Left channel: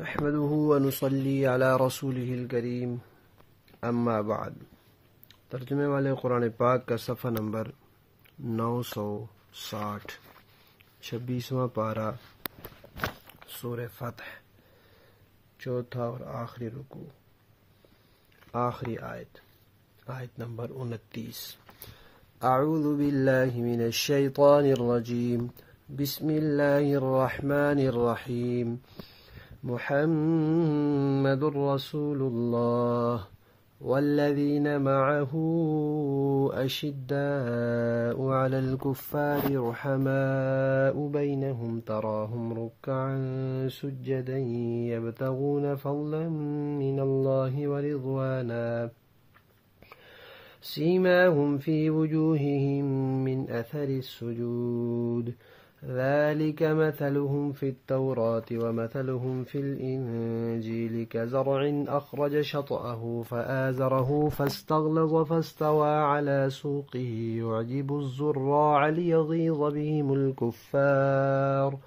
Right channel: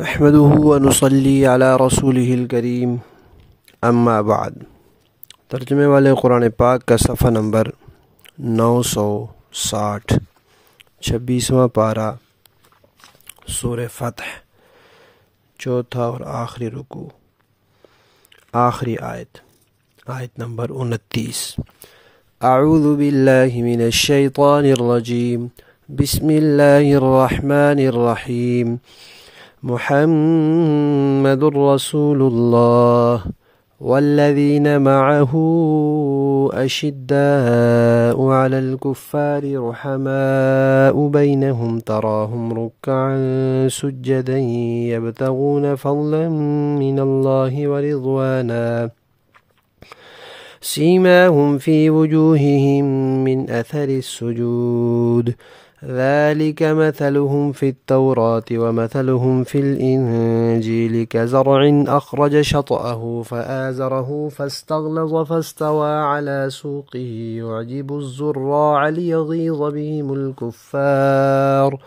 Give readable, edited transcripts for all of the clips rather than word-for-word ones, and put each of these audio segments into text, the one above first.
نحمده ونصلي على رسوله الكريم اما بعد۔ ترجمے والے قرآن پاک کا صفحہ نمبر 960، 26واں پارہ، سورہ فتح، چوتھا اور آخری رکوع، آخری آیت نمبر 29۔ اعوذ باللہ من الشیطان الرجیم، بسم اللہ الرحمن الرحیم۔ محمد رسول اللہ والذین معه اشداء علی الكفار رحماء بینہم تراہم رکعا سجدا یبتغون فضلا من اللہ ورضوانا سیماہم فی وجوہہم من اثر السجود ذلك مثلهم في التوراة ومثلهم في الإنجيل كزرع أخرج شطأه فآزره فاستغلظ فاستوى على سوقه يعجب الزراع ليغيظ بهم الكفار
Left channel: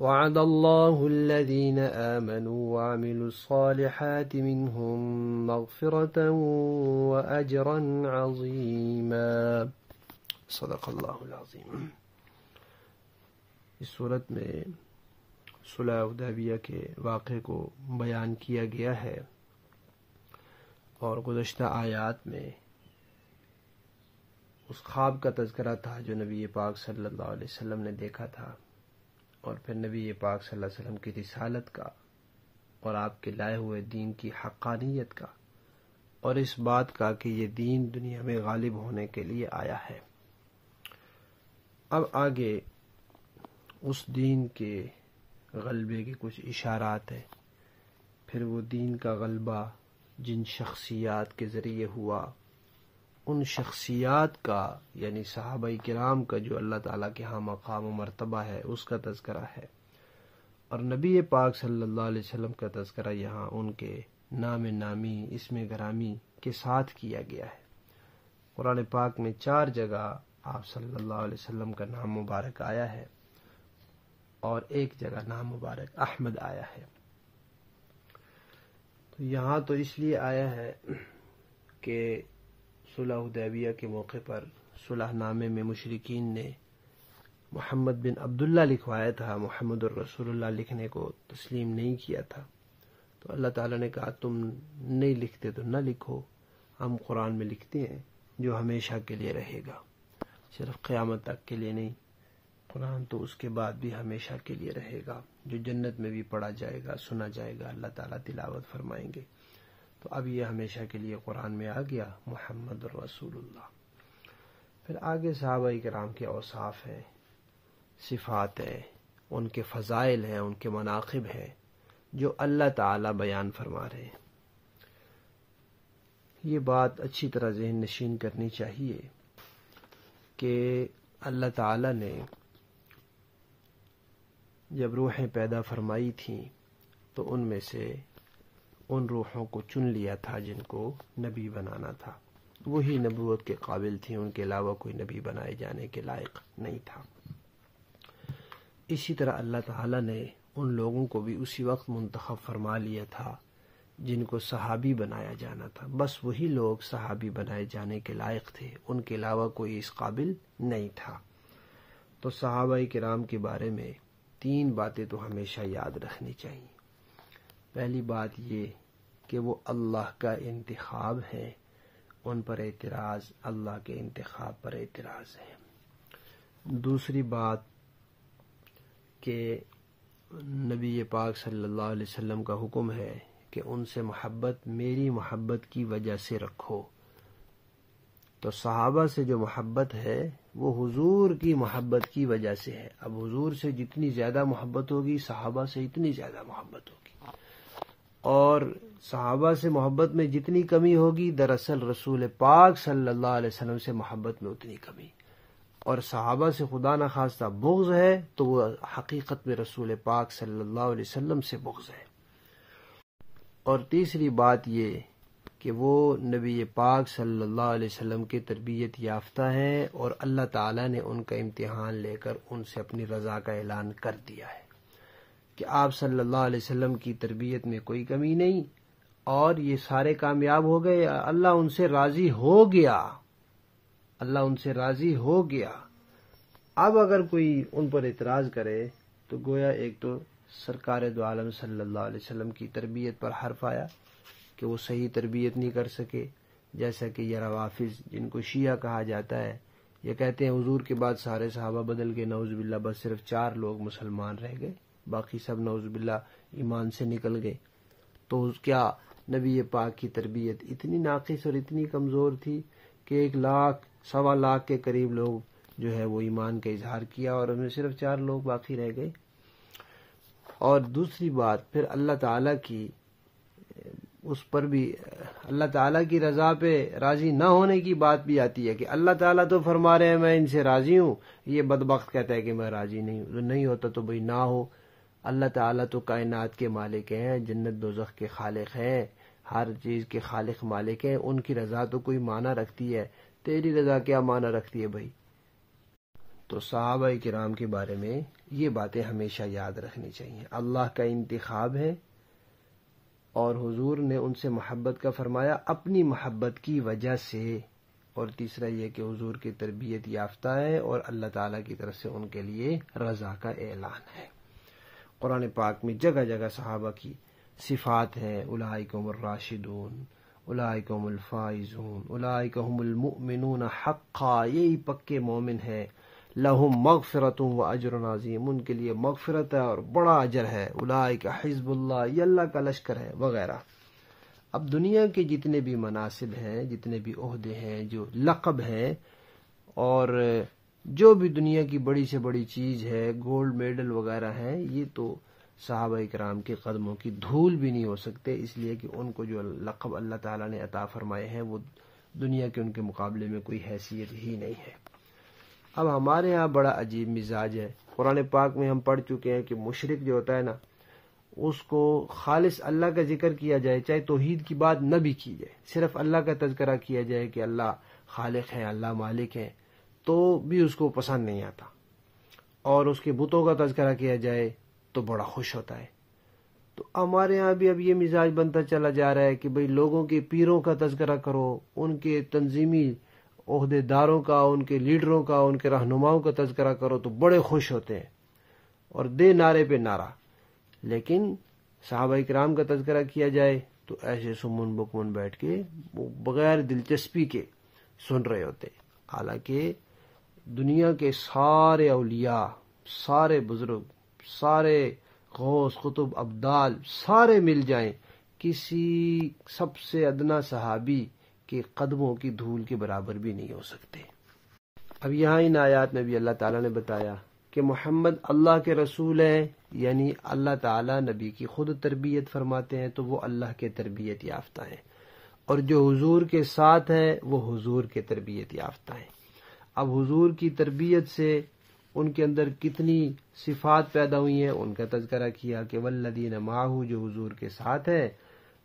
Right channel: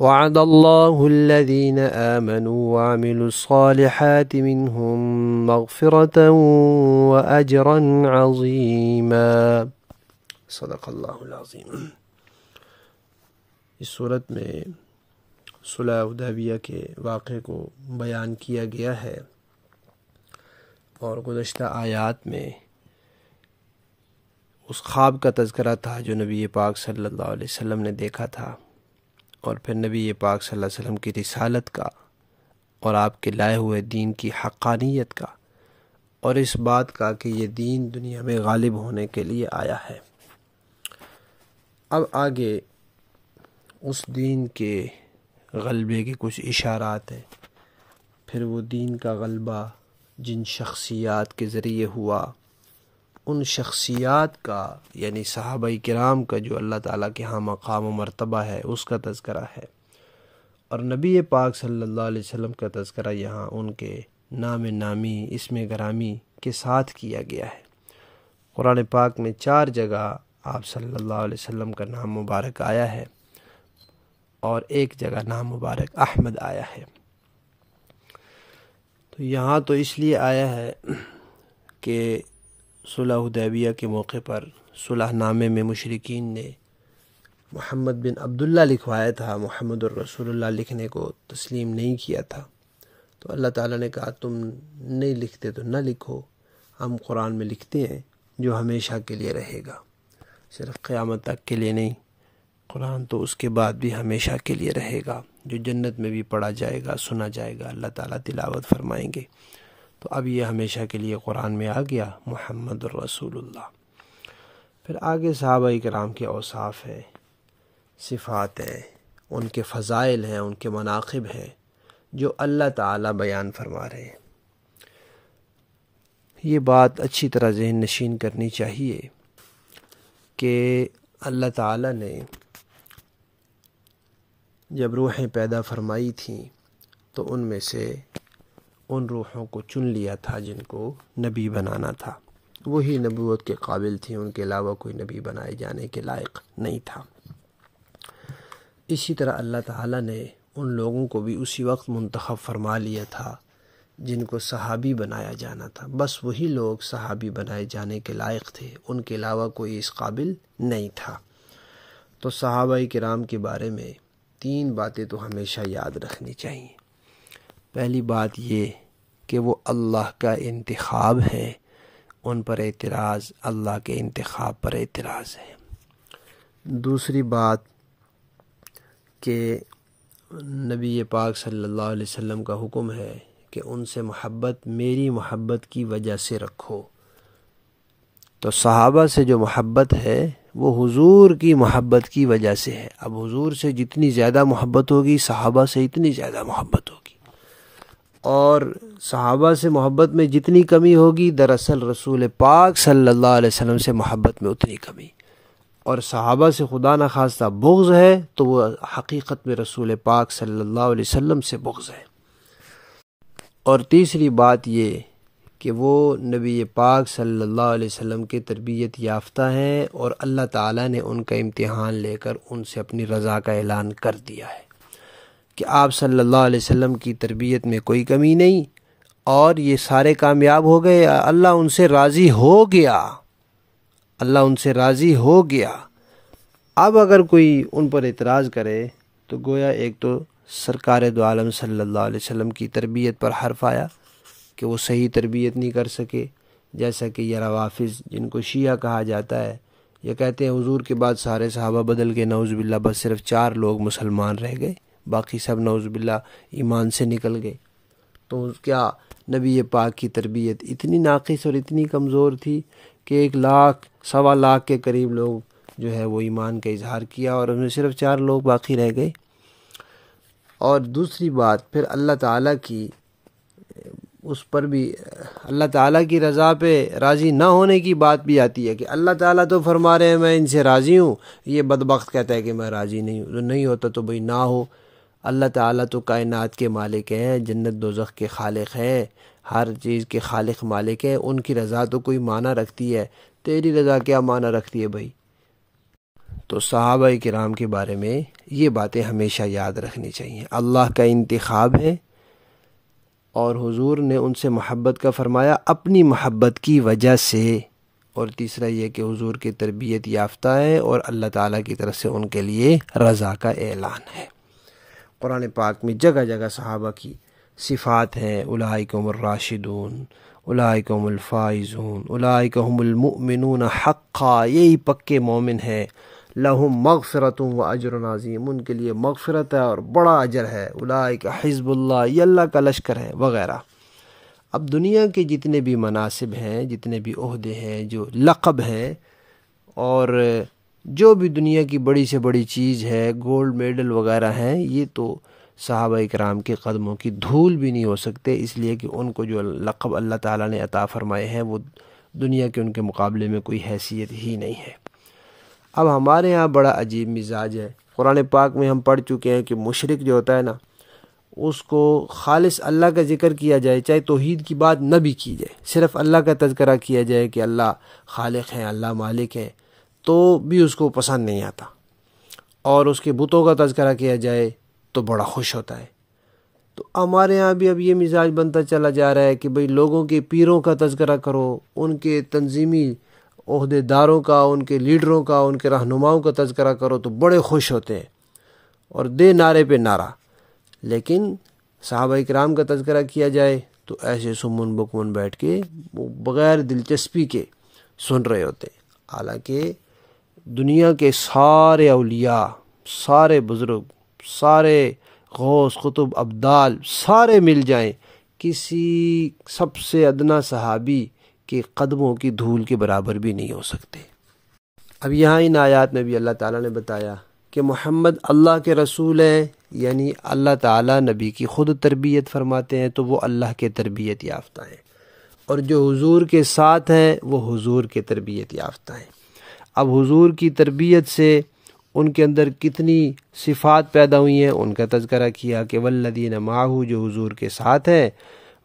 وعد الله الذين آمنوا وعملوا الصالحات منهم مغفرة وأجرا عظيما۔ صدق اللہ العظیم۔ اس صورت میں صلح حدیبیہ کے واقعے کو بیان کیا گیا ہے، اور گزشتہ آیات میں اس خواب کا تذکرہ تھا جو نبی پاک صلی اللہ علیہ وسلم نے دیکھا تھا، اور پھر نبی پاک صلی اللہ علیہ وسلم کی رسالت کا اور آپ کے لائے ہوئے دین کی حقانیت کا، اور اس بات کا کہ یہ دین دنیا میں غالب ہونے کے لیے آیا ہے۔ اب آگے اس دین کے غلبے کے کچھ اشارات ہیں، پھر وہ دین کا غلبہ جن شخصیات کے ذریعے ہوا، ان شخصیات کا یعنی صحابہ کرام کا جو اللہ تعالیٰ کے ہاں مقام و مرتبہ ہے اس کا تذکرہ ہے، اور نبی پاک صلی اللہ علیہ وسلم کا تذکرہ یہاں ان کے نام نامی، اسم گرامی کے ساتھ کیا گیا ہے۔ قرآن پاک میں 4 جگہ آپ صلی اللہ علیہ وسلم کا نام مبارک آیا ہے، اور ایک جگہ نام مبارک احمد آیا ہے۔ تو یہاں تو اس لیے آیا ہے کہ صلح حدیبیہ کے موقع پر صلح نامے میں مشرکین نے محمد بن عبداللہ لکھوایا تھا، محمد الرسول اللہ لکھنے کو تسلیم نہیں کیا تھا، تو اللہ تعالیٰ نے کہا تم نہیں لکھتے تو نہ لکھو، ہم قرآن میں لکھتے ہیں جو ہمیشہ کے لیے رہے گا، صرف قیامت تک کے لیے نہیں، قرآن تو اس کے بعد بھی ہمیشہ کے لیے رہے گا، جو جنت میں بھی پڑھا جائے گا، سنا جائے گا، اللہ تعالیٰ تلاوت فرمائیں گے۔ تو اب یہ ہمیشہ کے لیے قرآن میں آ گیا محمد الرسول اللہ۔ پھر آگے صحابہ کرام کے اوصاف ہیں، صفات ہیں، ان کے فضائل ہیں، ان کے مناقب ہیں جو اللہ تعالیٰ بیان فرما رہے ہیں۔ یہ بات اچھی طرح ذہن نشین کرنی چاہیے کہ اللہ تعالیٰ نے جب روحیں پیدا فرمائی تھیں تو ان میں سے ان روحوں کو چن لیا تھا جن کو نبی بنانا تھا، وہی نبوت کے قابل تھیں، ان کے علاوہ کوئی نبی بنائے جانے کے لائق نہیں تھا۔ اسی طرح اللہ تعالیٰ نے ان لوگوں کو بھی اسی وقت منتخب فرما لیا تھا جن کو صحابی بنایا جانا تھا، بس وہی لوگ صحابی بنائے جانے کے لائق تھے، ان کے علاوہ کوئی اس قابل نہیں تھا۔ تو صحابہ کرام کے بارے میں 3 باتیں تو ہمیشہ یاد رکھنی چاہیے۔ پہلی بات یہ کہ وہ اللہ کا انتخاب ہے، ان پر اعتراض اللہ کے انتخاب پر اعتراض ہے۔ دوسری بات کہ نبی پاک صلی اللہ علیہ وسلم کا حکم ہے کہ ان سے محبت میری محبت کی وجہ سے رکھو، تو صحابہ سے جو محبت ہے وہ حضور کی محبت کی وجہ سے ہے۔ اب حضور سے جتنی زیادہ محبت ہوگی صحابہ سے اتنی زیادہ محبت ہوگی، اور صحابہ سے محبت میں جتنی کمی ہوگی دراصل رسول پاک صلی اللہ علیہ وسلم سے محبت میں اتنی کمی، اور صحابہ سے خدا نخواستہ بغض ہے تو وہ حقیقت میں رسول پاک صلی اللہ علیہ وسلم سے بغض ہے۔ اور تیسری بات یہ کہ وہ نبی پاک صلی اللہ علیہ وسلم کے تربیت یافتہ ہیں، اور اللہ تعالیٰ نے ان کا امتحان لے کر ان سے اپنی رضا کا اعلان کر دیا ہے کہ آپ صلی اللہ علیہ وسلم کی تربیت میں کوئی کمی نہیں اور یہ سارے کامیاب ہو گئے، اللہ ان سے راضی ہو گیا، اللہ ان سے راضی ہو گیا۔ اب اگر کوئی ان پر اعتراض کرے تو گویا ایک تو سرکار دو عالم صلی اللہ علیہ وسلم کی تربیت پر حرف آیا کہ وہ صحیح تربیت نہیں کر سکے، جیسا کہ یہ روافظ جن کو شیعہ کہا جاتا ہے، یہ کہتے ہیں حضور کے بعد سارے صحابہ بدل گئے، نعوذ باللہ، بس صرف 4 لوگ مسلمان رہ گئے، باقی سب نعوذ باللہ ایمان سے نکل گئے۔ تو کیا نبی پاک کی تربیت اتنی ناقص اور اتنی کمزور تھی کہ 1 لاکھ 1.25 لاکھ کے قریب لوگ جو ہے وہ ایمان کا اظہار کیا اور ان میں صرف 4 لوگ باقی رہ گئے؟ اور دوسری بات پھر اللہ تعالیٰ کی اس پر بھی اللہ تعالیٰ کی رضا پہ راضی نہ ہونے کی بات بھی آتی ہے کہ اللہ تعالیٰ تو فرما رہے ہیں میں ان سے راضی ہوں، یہ بدبخت کہتا ہے کہ میں راضی نہیں ہوں۔ جو نہیں ہوتا تو بھئی نہ ہو، اللہ تعالیٰ تو کائنات کے مالک ہیں، جنت دوزخ کے خالق ہیں، ہر چیز کے خالق مالک ہیں، ان کی رضا تو کوئی معنی رکھتی ہے، تیری رضا کیا معنی رکھتی ہے بھائی؟ تو صحابہ کرام کے بارے میں یہ باتیں ہمیشہ یاد رکھنی چاہیے۔ اللہ کا انتخاب ہے اور حضور نے ان سے محبت کا فرمایا اپنی محبت کی وجہ سے، اور تیسرا یہ کہ حضور کی تربیت یافتہ ہے اور اللہ تعالیٰ کی طرف سے ان کے لیے رضا کا اعلان ہے۔ قرآن پاک میں جگہ جگہ صحابہ کی صفات ہیں، اولئک هم الراشدون، اولئک هم الفائزون، اولئک هم المؤمنون حقا، یہی پکے مومن ہیں، لہم مغفرت و اجر عظیم، ان کے لیے مغفرت ہے اور بڑا اجر ہے، اولئک حزب اللہ، یہ اللہ کا لشکر ہے وغیرہ۔ اب دنیا کے جتنے بھی مناصب ہیں، جتنے بھی عہدے ہیں، جو لقب ہیں اور جو بھی دنیا کی بڑی سے بڑی چیز ہے، گولڈ میڈل وغیرہ ہیں، یہ تو صحابہ اکرام کے قدموں کی دھول بھی نہیں ہو سکتے، اس لیے کہ ان کو جو لقب اللہ تعالیٰ نے عطا فرمائے ہیں وہ دنیا کے ان کے مقابلے میں کوئی حیثیت ہی نہیں ہے۔ اب ہمارے ہاں بڑا عجیب مزاج ہے، قرآن پاک میں ہم پڑھ چکے ہیں کہ مشرک جو ہوتا ہے نا، اس کو خالص اللہ کا ذکر کیا جائے، چاہے توحید کی بات نہ بھی کی جائے، صرف اللہ کا تذکرہ کیا جائے کہ اللہ خالق ہیں، اللہ مالک ہیں، تو بھی اس کو پسند نہیں آتا، اور اس کے بتوں کا تذکرہ کیا جائے تو بڑا خوش ہوتا ہے۔ تو ہمارے ہاں بھی اب یہ مزاج بنتا چلا جا رہا ہے کہ بھئی لوگوں کے پیروں کا تذکرہ کرو، ان کے تنظیمی عہدے داروں کا، ان کے لیڈروں کا، ان کے رہنماؤں کا تذکرہ کرو تو بڑے خوش ہوتے ہیں اور دے نعرے پہ نعرہ، لیکن صحابہ اکرام کا تذکرہ کیا جائے تو ایسے سمن بکمن بیٹھ کے بغیر دلچسپی کے سن رہے ہوتے ہیں، حالانکہ دنیا کے سارے اولیاء، سارے بزرگ، سارے غوث قطب ابدال سارے مل جائیں، کسی سب سے ادنا صحابی کے قدموں کی دھول کے برابر بھی نہیں ہو سکتے۔ اب یہاں ان آیات میں بھی اللہ تعالیٰ نے بتایا کہ محمد اللہ کے رسول ہیں، یعنی اللہ تعالیٰ نبی کی خود تربیت فرماتے ہیں تو وہ اللہ کے تربیت یافتہ ہیں، اور جو حضور کے ساتھ ہیں وہ حضور کے تربیت یافتہ ہیں۔ اب حضور کی تربیت سے ان کے اندر کتنی صفات پیدا ہوئی ہیں ان کا تذکرہ کیا کہ والذین معہ، جو حضور کے ساتھ ہیں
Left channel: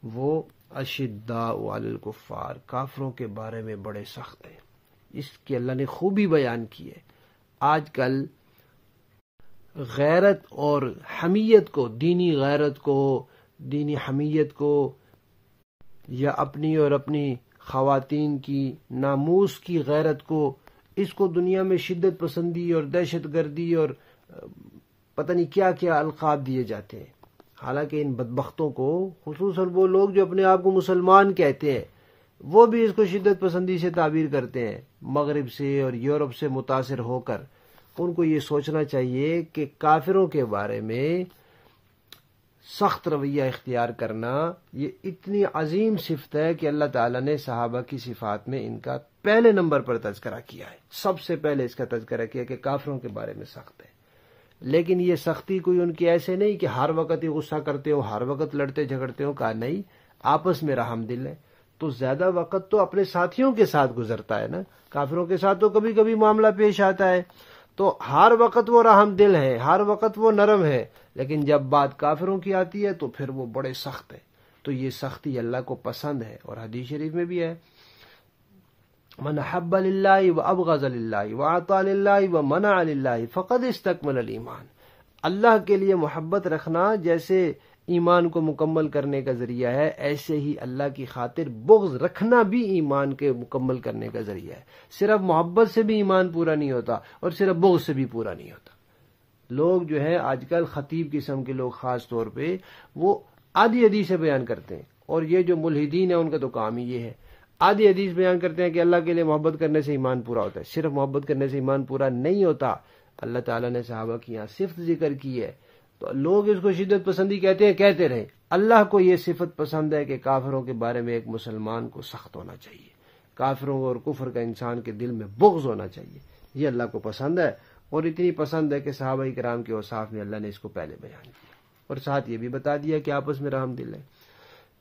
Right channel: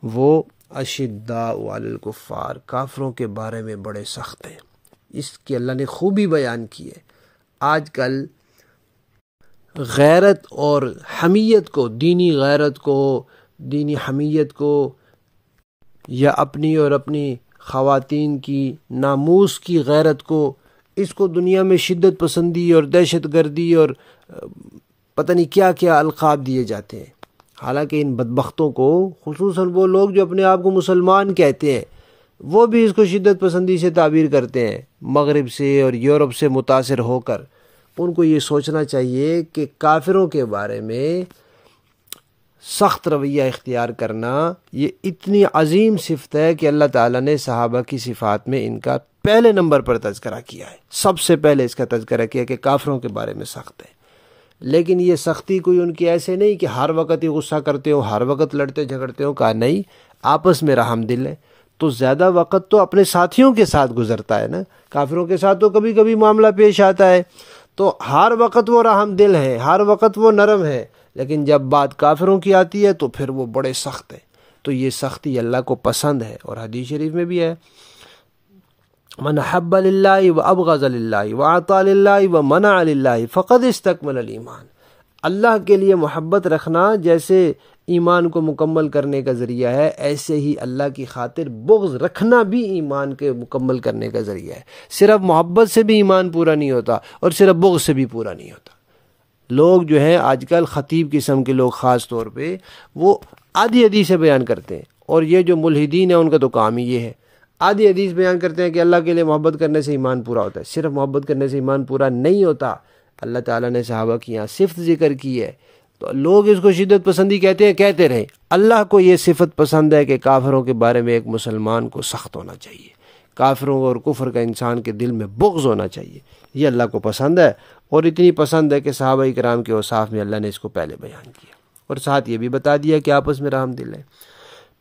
وہ اشداء علی الکفار، کافروں کے بارے میں بڑے سخت ہیں۔ اس کی اللہ نے خوبی بیان کی ہے۔ آج کل غیرت اور حمیت کو، دینی غیرت کو، دینی حمیت کو، یا اپنی اور اپنی خواتین کی ناموس کی غیرت کو، اس کو دنیا میں شدت پسندی اور دہشت گردی اور پتہ نہیں کیا کیا القاب دیے جاتے ہیں، حالانکہ ان بدبختوں کو، خصوصاً وہ لوگ جو اپنے آپ کو مسلمان کہتے ہیں، وہ بھی اس کو شدت پسندی سے تعبیر کرتے ہیں، مغرب سے اور یورپ سے متاثر ہو کر۔ ان کو یہ سوچنا چاہیے کہ کافروں کے بارے میں سخت رویہ اختیار کرنا یہ اتنی عظیم صفت ہے کہ اللہ تعالیٰ نے صحابہ کی صفات میں ان کا پہلے نمبر پر تذکرہ کیا ہے، سب سے پہلے اس کا تذکرہ کیا کہ کافروں کے بارے میں سخت ہے۔ لیکن یہ سختی کوئی ان کی ایسے نہیں کہ ہر وقت ہی غصہ کرتے ہو، ہر وقت لڑتے جھگڑتے ہو، کہا نہیں، آپس میں رحم دل ہے۔ تو زیادہ وقت تو اپنے ساتھیوں کے ساتھ گزرتا ہے نا، کافروں کے ساتھ تو کبھی کبھی معاملہ پیش آتا ہے، تو ہر وقت وہ رحم دل ہے، ہر وقت وہ نرم ہے، لیکن جب بات کافروں کی آتی ہے تو پھر وہ بڑے سخت ہیں۔ تو یہ سختی اللہ کو پسند ہے، اور حدیث شریف میں بھی ہے من حب للہ و ابغض للہ و اعطى للہ و منع للہ فقد استکمل الایمان۔ اللہ کے لیے محبت رکھنا جیسے ایمان کو مکمل کرنے کا ذریعہ ہے، ایسے ہی اللہ کی خاطر بغض رکھنا بھی ایمان کے مکمل کرنے کا ذریعہ ہے۔ صرف محبت سے بھی ایمان پورا نہیں ہوتا اور صرف بغض سے بھی پورا نہیں ہوتا۔ لوگ جو ہیں آج کل خطیب قسم کے لوگ خاص طور پہ وہ آدھی حدیث بیان کرتے ہیں، اور یہ جو ملحدین ہیں ان کا تو کام ہی یہ ہے، آدھی حدیث بیان کرتے ہیں کہ اللہ کے لیے محبت کرنے سے ایمان پورا ہوتا ہے۔ صرف محبت کرنے سے ایمان پورا نہیں ہوتا، اللہ تعالیٰ نے صحابہ کی یہاں صفت ذکر کی ہے، تو لوگ اس کو شدت پسندی کہتے ہیں، کہتے رہے۔ اللہ کو یہ صفت پسند ہے کہ کافروں کے بارے میں ایک مسلمان کو سخت ہونا چاہیے، کافروں اور کفر کا انسان کے دل میں بغض ہونا چاہیے، یہ اللہ کو پسند ہے، اور اتنی پسند ہے کہ صحابہ کرام کے اوصاف میں اللہ نے اس کو پہلے بیان کیا، اور ساتھ یہ بھی بتا دیا کہ آپس میں رحم دل ہے۔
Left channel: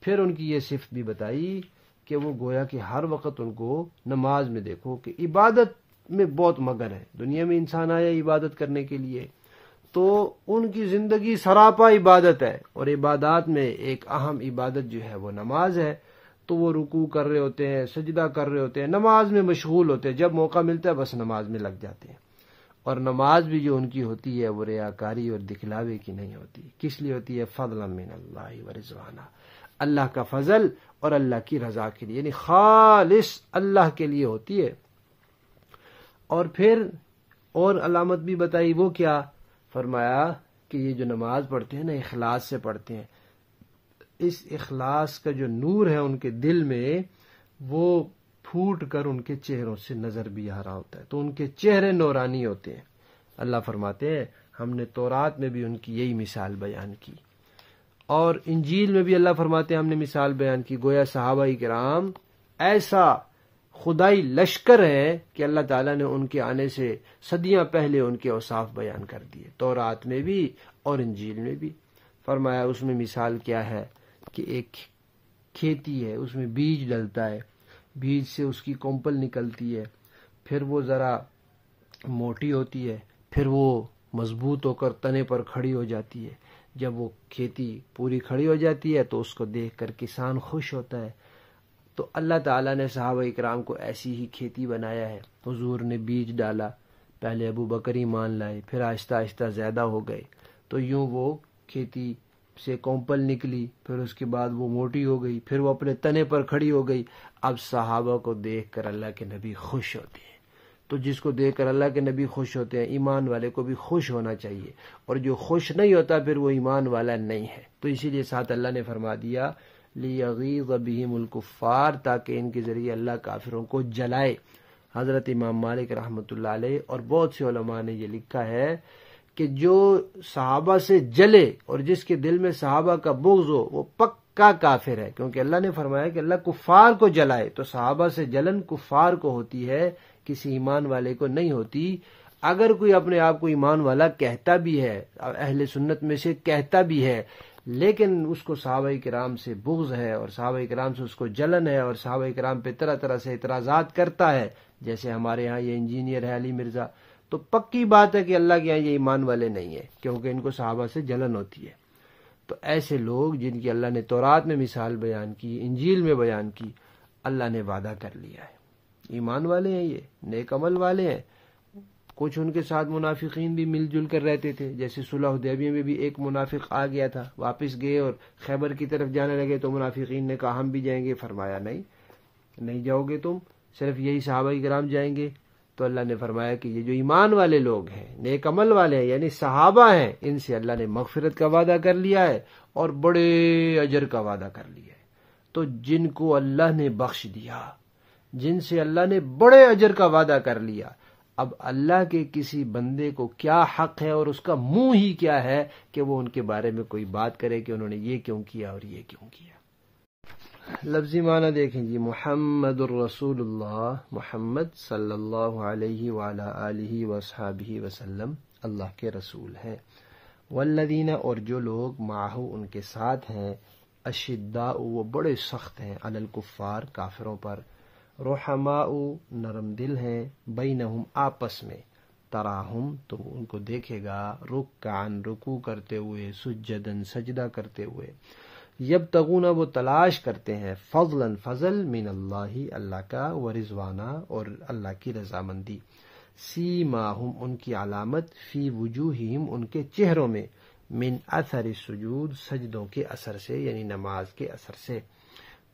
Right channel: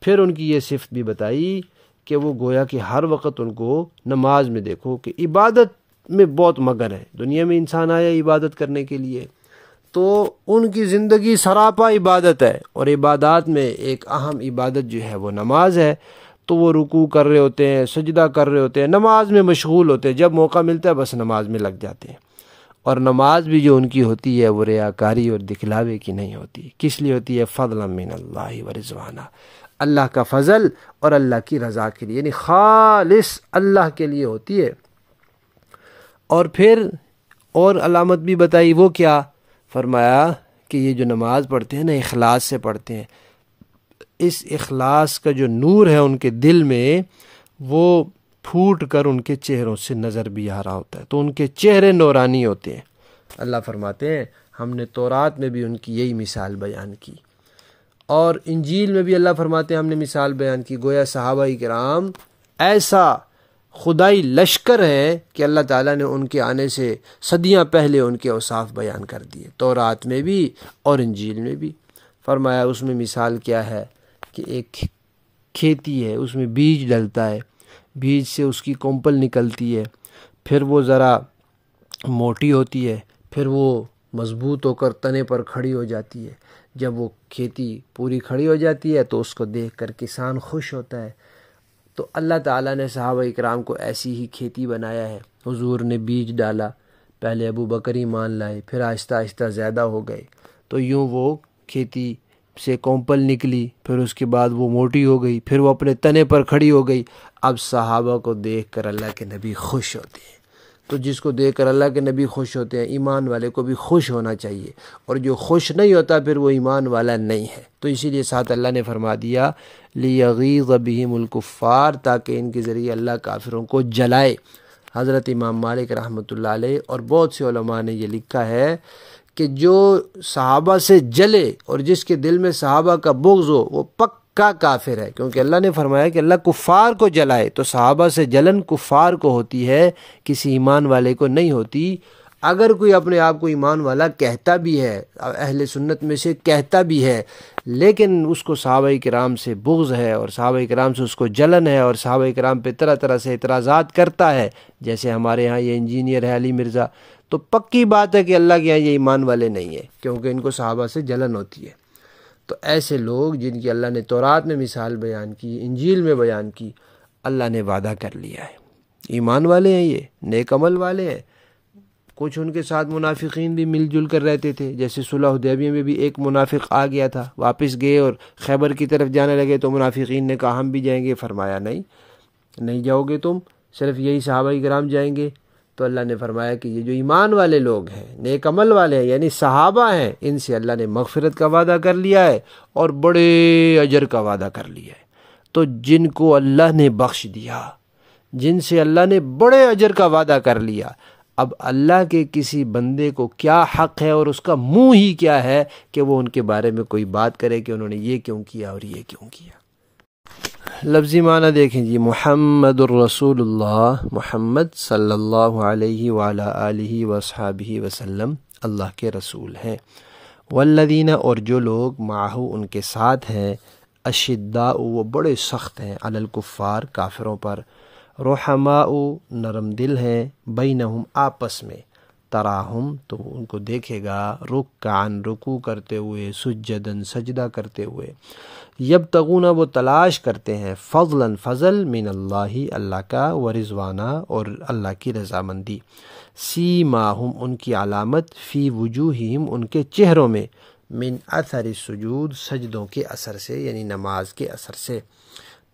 پھر ان کی یہ صفت بھی بتائی کہ وہ گویا کہ ہر وقت ان کو نماز میں دیکھو کہ عبادت میں بہت مگن ہے۔ دنیا میں انسان آیا عبادت کرنے کے لیے، تو ان کی زندگی سراپا عبادت ہے، اور عبادات میں ایک اہم عبادت جو ہے وہ نماز ہے۔ تو وہ رکوع کر رہے ہوتے ہیں، سجدہ کر رہے ہوتے ہیں، نماز میں مشغول ہوتے ہیں، جب موقع ملتا ہے بس نماز میں لگ جاتے ہیں۔ اور نماز بھی جو ان کی ہوتی ہے وہ ریاکاری اور دکھلاوے کی نہیں ہوتی۔ کس لیے ہوتی ہے؟ فضلا من اللہ و رضوانہ، اللہ کا فضل اور اللہ کی رضا کے لیے، یعنی خالص اللہ کے لیے ہوتی ہے۔ اور پھر اور علامت بھی بتائی، وہ کیا؟ فرمایا کہ یہ جو نماز پڑھتے ہیں نا اخلاص سے پڑھتے ہیں، اس اخلاص کا جو نور ہے ان کے دل میں وہ پھوٹ کر ان کے چہروں سے نظر بھی آ رہا ہوتا ہے، تو ان کے چہرے نورانی ہوتے ہیں۔ اللہ فرماتے ہیں ہم نے تورات میں بھی ان کی یہی مثال بیان کی، اور انجیل میں بھی اللہ فرماتے ہیں ہم نے مثال بیان کی۔ گویا صحابہ کرام ایسا خدائی لشکر ہے کہ اللہ تعالیٰ نے ان کے آنے سے صدیاں پہلے ان کے اوصاف بیان کر دیے، تورات میں بھی اور انجیل میں بھی۔ فرمایا اس میں مثال کیا ہے کہ ایک کھیتی ہے، اس میں بیج ڈلتا ہے، بیج سے اس کی کونپل نکلتی ہے، پھر وہ ذرا موٹی ہوتی ہے، پھر وہ مضبوط ہو کر تنے پر کھڑی ہو جاتی ہے۔ جب وہ کھیتی پوری کھڑی ہو جاتی ہے تو اس کو دیکھ کر کسان خوش ہوتا ہے۔ تو اللہ تعالیٰ نے صحابہ اکرام کو ایسی ہی کھیتی بنایا ہے۔ حضور نے بیج ڈالا، پہلے ابو بکر ایمان لائے، پھر آہستہ آہستہ زیادہ ہو گئے، تو یوں وہ کھیتی سے کونپل نکلی، پھر اس کے بعد وہ موٹی ہو گئی، پھر وہ اپنے تنے پر کھڑی ہو گئی۔ اب صحابہ کو دیکھ کر اللہ کے نبی خوش ہوتے ہیں، تو جس کو دیکھ کر اللہ کے نبی خوش ہوتے ہیں، ایمان والے کو بھی خوش ہونا چاہیے، اور جو خوش نہیں ہوتا پھر وہ ایمان والا نہیں ہے۔ تو اسی لیے ساتھ اللہ نے فرما دیا لِيَغِيظَ بِهِمُ الْكُفَّارَ، تاکہ ان کے ذریعے اللہ کافروں کو جلائے۔ حضرت امام مالک رحمۃ اللہ علیہ اور بہت سے علماء نے یہ لکھا ہے کہ جو صحابہ سے جلے اور جس کے دل میں صحابہ کا بغض ہو وہ پکا کافر ہے، کیونکہ اللہ نے فرمایا کہ اللہ کفار کو جلائے، تو صحابہ سے جلن کفار کو ہوتی ہے، کسی ایمان والے کو نہیں ہوتی۔ اگر کوئی اپنے آپ کو ایمان والا کہتا بھی ہے، اہل سنت میں سے کہتا بھی ہے، لیکن اس کو صحابہ کرام سے بغض ہے اور صحابہ کرام سے اس کو جلن ہے، اور صحابہ کرام پہ طرح طرح سے اعتراضات کرتا ہے، جیسے ہمارے ہاں یہ انجینئر ہے علی مرزا، تو پکی بات ہے کہ اللہ کے یہاں یہ ایمان والے نہیں ہیں، کیونکہ ان کو صحابہ سے جلن ہوتی ہے۔ تو ایسے لوگ جن کی اللہ نے تورات میں مثال بیان کی، انجیل میں بیان کی، اللہ نے وعدہ کر لیا ہے، ایمان والے ہیں، یہ نیک عمل والے ہیں۔ کچھ ان کے ساتھ منافقین بھی مل جل کر رہتے تھے، جیسے صلح حدیبیہ میں بھی ایک منافق آ گیا تھا، واپس گئے اور خیبر کی طرف جانے لگے تو منافقین نے کہا ہم بھی جائیں گے، فرمایا نہیں جاؤ گے تم، صرف یہی صحابہ کرام جائیں گے۔ تو اللہ نے فرمایا کہ یہ جو ایمان والے لوگ ہیں، نیک عمل والے ہیں، یعنی صحابہ ہیں، ان سے اللہ نے مغفرت کا وعدہ کر لیا ہے اور بڑے اجر کا وعدہ کر لیا ہے۔ تو جن کو اللہ نے بخش دیا، جن سے اللہ نے بڑے اجر کا وعدہ کر لیا، اب اللہ کے کسی بندے کو کیا حق ہے اور اس کا منہ ہی کیا ہے کہ وہ ان کے بارے میں کوئی بات کرے کہ انہوں نے یہ کیوں کیا اور یہ کیوں کیا۔ لفظی معنی دیکھیں جی، محمد الرسول اللہ، محمد صلی اللہ علیہ وعلی آلہ وصحابہ وسلم اللہ کے رسول ہیں۔ والذین، اور جو لوگ معہو ان کے ساتھ ہیں، اشداء وہ بڑے سخت ہیں، علی الکفار کافروں پر، رحماء نرم دل ہیں، بینہم آپس میں، تراہم تو ان کو دیکھے گا، رکعن رکوع کرتے ہوئے، سجدن سجدہ کرتے ہوئے، یبتغون وہ تلاش کرتے ہیں، فضلا فضل، من اللہ اللہ کا، ورضوانہ اور اللہ کی رضامندی، سیماہم ان کی علامت، فی وجوہہم ان کے چہروں میں، من اثر السجود سجدوں کے اثر سے، یعنی نماز کے اثر سے،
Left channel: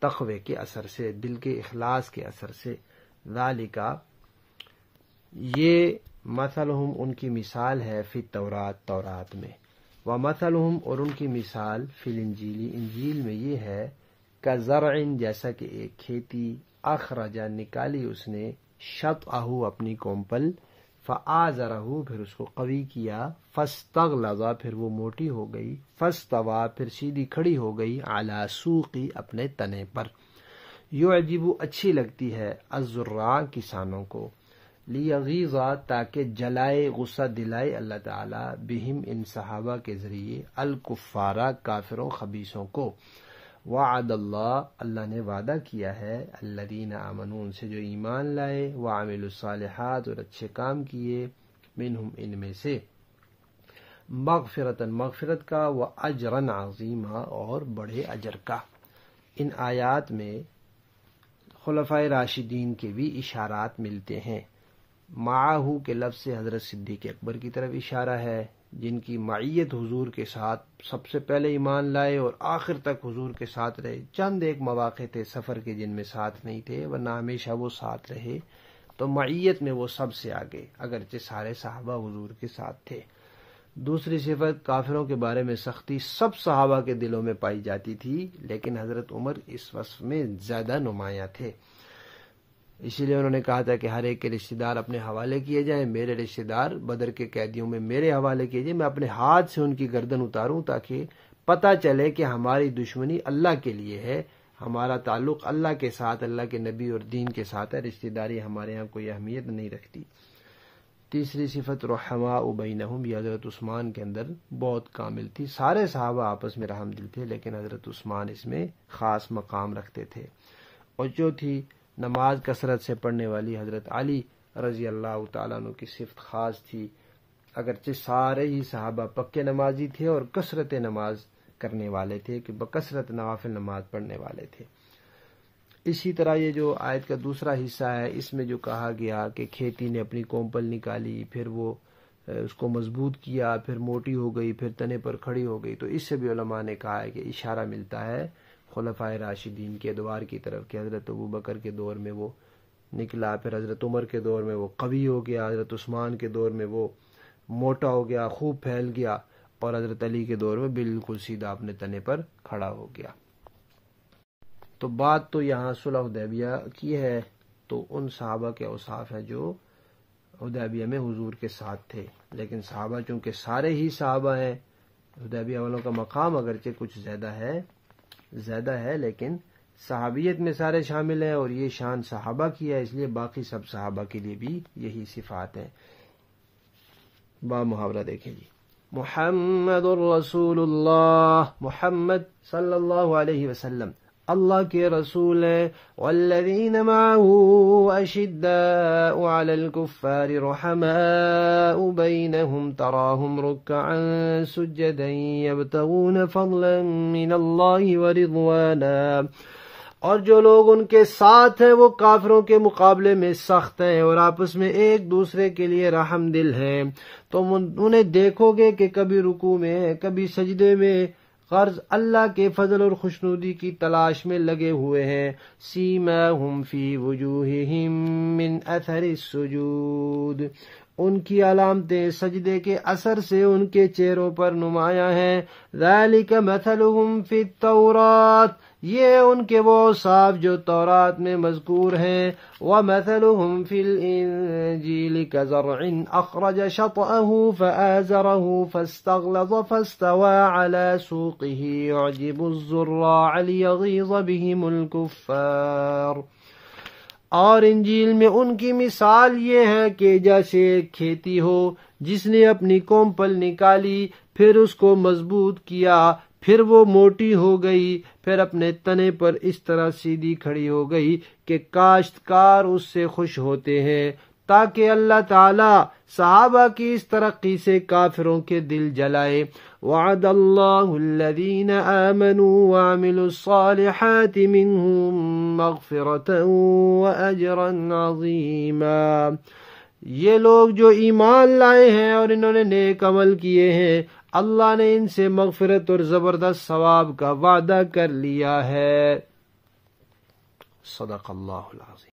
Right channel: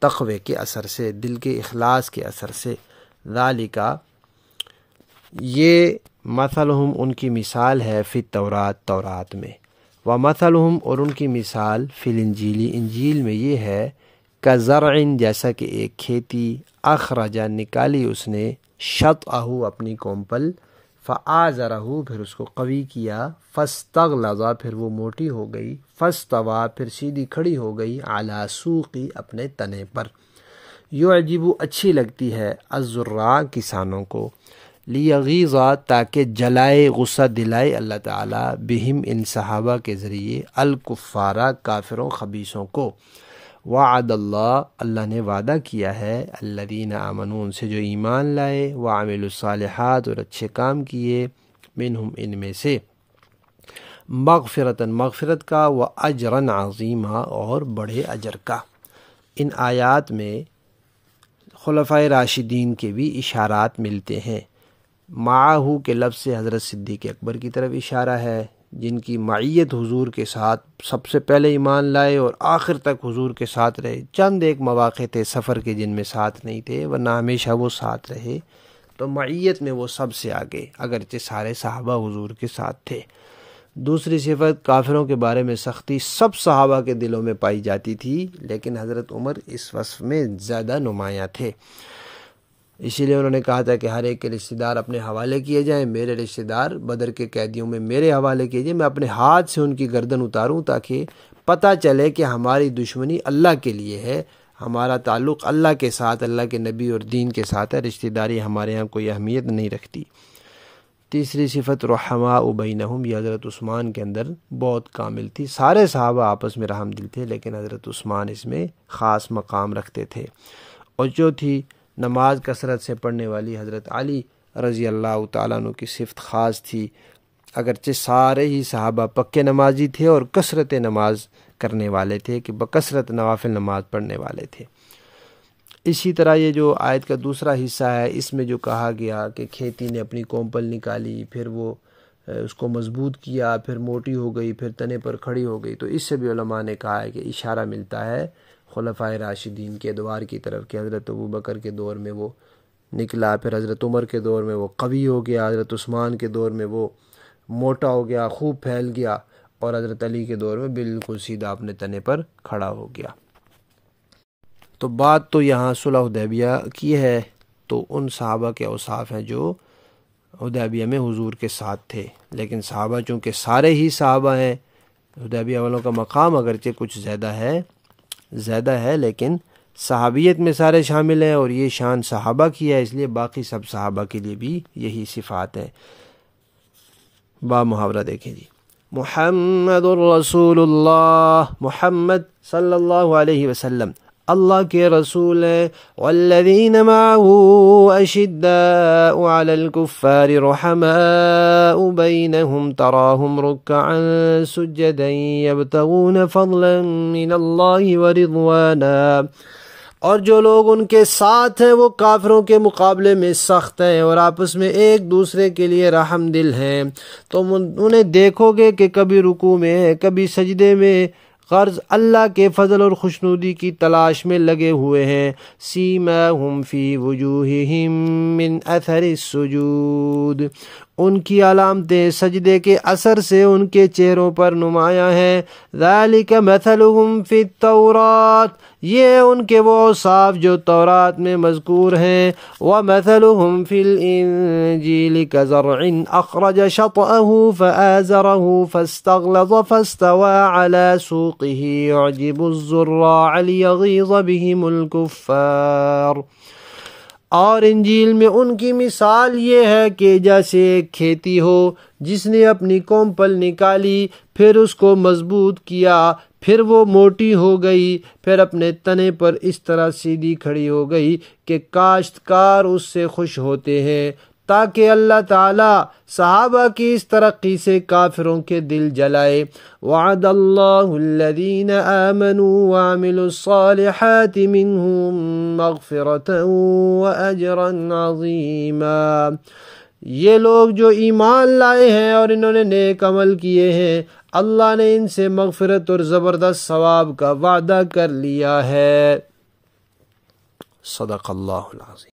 تقوی کے اثر سے، دل کے اخلاص کے اثر سے۔ ذالکا یہ مثلہم ان کی مثال ہے، فی التورات تورات میں، ومثلہم اور ان کی مثال فی الانجیل انجیل میں یہ ہے، کزرع جیسا کہ ایک کھیتی، اخرجا نکالی اس نے، شطأہ اپنی کومپل، فآزرہ پھر اس کو قوی کیا، فاستغلظ پھر وہ موٹی ہو گئی، فاستوی پھر سیدھی کھڑی ہو گئی، علی سوقی اپنے تنے پر، یعجب اچھی لگتی ہے، الزراع کسانوں کو، لیغیظ تاکہ جلائے غصہ دلائے اللہ تعالیٰ، بہم ان صحابہ کے ذریعے، الکفارہ کافروں خبیثوں کو، وعد اللہ اللہ نے وعدہ کیا ہے، الذین آمنون سے جو ایمان لائے، وعملوا الصالحات اور اچھے کام کیے، منہم ان میں سے، مغفرتاً مغفرت کا، واجرا عظیما اور بڑے اجر کا۔ ان آیات میں خلفائے راشدین کے بھی اشارات ملتے ہیں۔ معاہو کے لفظ سے حضرت صدیق اکبر کی طرف اشارہ ہے، جن کی معیت حضور کے ساتھ سب سے پہلے ایمان لائے اور آخر تک حضور کے ساتھ رہے۔ چند ایک مواقع تھے سفر کے جن میں ساتھ نہیں تھے، ورنہ ہمیشہ وہ ساتھ رہے، تو معیت میں وہ سب سے آگے، اگرچہ سارے صحابہ حضور کے ساتھ تھے۔ دوسری صفت، کافروں کے بارے میں سختی سب صحابہ کے دلوں میں پائی جاتی تھی، لیکن حضرت عمر اس وصف میں زیادہ نمایاں تھے، اسی لیے انہوں نے کہا تھا کہ ہر ایک کے رشتہ دار اپنے حوالے کیے جائیں، میرے رشتہ دار بدر کے قیدیوں میں میرے حوالے کیے جائیں، میں اپنے ہاتھ سے ان کی گردن اتاروں تاکہ پتہ چلے کہ ہماری دشمنی اللہ کے لیے ہے، ہمارا تعلق اللہ کے ساتھ، اللہ کے نبی اور دین کے ساتھ ہے، رشتہ داری ہمارے ہاں کوئی اہمیت نہیں رکھتی۔ تیسری صفت، رحماء بینہم، یہ حضرت عثمان کے اندر بہت کامل تھی، سارے صحابہ آپس میں رحم دل تھے، لیکن حضرت عثمان اس میں خاص مقام رکھتے تھے۔ اور چوتھی، نماز کثرت سے پڑھنے والی، حضرت علی رضی اللہ تعالیٰ عنہ کی صفت خاص تھی، اگرچہ سارے ہی صحابہ پکے نمازی تھے اور کثرت نماز کرنے والے تھے، کہ بکثرت نوافل نماز پڑھنے والے تھے۔ اسی طرح یہ جو آیت کا دوسرا حصہ ہے، اس میں جو کہا گیا کہ کھیتی نے اپنی کومپل نکالی، پھر وہ اس کو مضبوط کیا، پھر موٹی ہو گئی، پھر تنے پر کھڑی ہو گئی، تو اس سے بھی علماء نے کہا ہے کہ اشارہ ملتا ہے خلفائے راشدین کے ادوار کی طرف، کہ حضرت ابوبکر کے دور میں وہ نکلا، پھر حضرت عمر کے دور میں وہ قوی ہو گیا، حضرت عثمان کے دور میں وہ موٹا ہو گیا، خوب پھیل گیا، اور حضرت علی کے دور میں بالکل سیدھا اپنے تنے پر کھڑا ہو گیا۔ تو بات تو یہاں صلح حدیبیہ کی ہے، تو ان صحابہ کے اوصاف ہیں جو حدیبیہ میں حضور کے ساتھ تھے، لیکن صحابہ چونکہ سارے ہی صحابہ ہیں، حدیبیہ والوں کا مقام اگرچہ کچھ زیادہ ہے لیکن صحابیت میں سارے شامل ہیں، اور یہ شان صحابہ کی ہے، اس لیے باقی سب صحابہ کے لیے بھی یہی صفات ہیں۔ با محاورہ دیکھیں جی، محمد الرسول اللہ، محمد صلی اللہ علیہ وسلم اللہ کے رسول ہیں، والذین معه اشداء علی الکفار رحماء بینہم تراہم رکعا سجدا یبتغون فضلا من اللہ ورضوانا، اور جو لوگ ان کے ساتھ ہیں وہ کافروں کے مقابلے میں سخت ہیں اور آپس میں ایک دوسرے کے لیے رحم دل ہیں، تو انہیں دیکھو گے کہ کبھی رکوع میں ہیں، کبھی سجدے میں، غرض اللہ کے فضل اور خوشنودی کی تلاش میں لگے ہوئے ہیں۔ سیماہم فی وجوہہم من اثر السجود، ان کی علامتیں سجدے کے اثر سے ان کے چہروں پر نمایاں ہیں۔ ذالک مثلہم فی التورات، یہ ان کے وہ اوصاف جو تورات میں مذکور ہیں۔ ومثلہم فی الانجیل کزرع اخرج شطأہ فآزرہ فاستغلظ فاستوى علی سوقہ یعجب الزراع لیغیظ بہم الکفار۔ اور انجیل میں ان کی مثال یہ ہے کہ جیسے ایک کھیتی ہو جس نے اپنی کومپل نکالی، پھر اس کو مضبوط کیا، پھر وہ موٹی ہو گئی، پھر اپنے تنے پر اس طرح سیدھی کھڑی ہو گئی کہ کاشتکار اس سے خوش ہوتے ہیں، تاکہ اللہ تعالی صحابہ کی اس ترقی سے کافروں کے دل جلائے۔ وعد اللہ الذین آمنوا وعملوا الصالحات منہم مغفرة واجرا عظیما، یہ لوگ جو ایمان لائے ہیں اور انہوں نے نیک عمل کیے ہیں، اللہ نے ان سے مغفرت اور زبردست ثواب کا وعدہ کر لیا ہے۔ صدق اللہ العظیم۔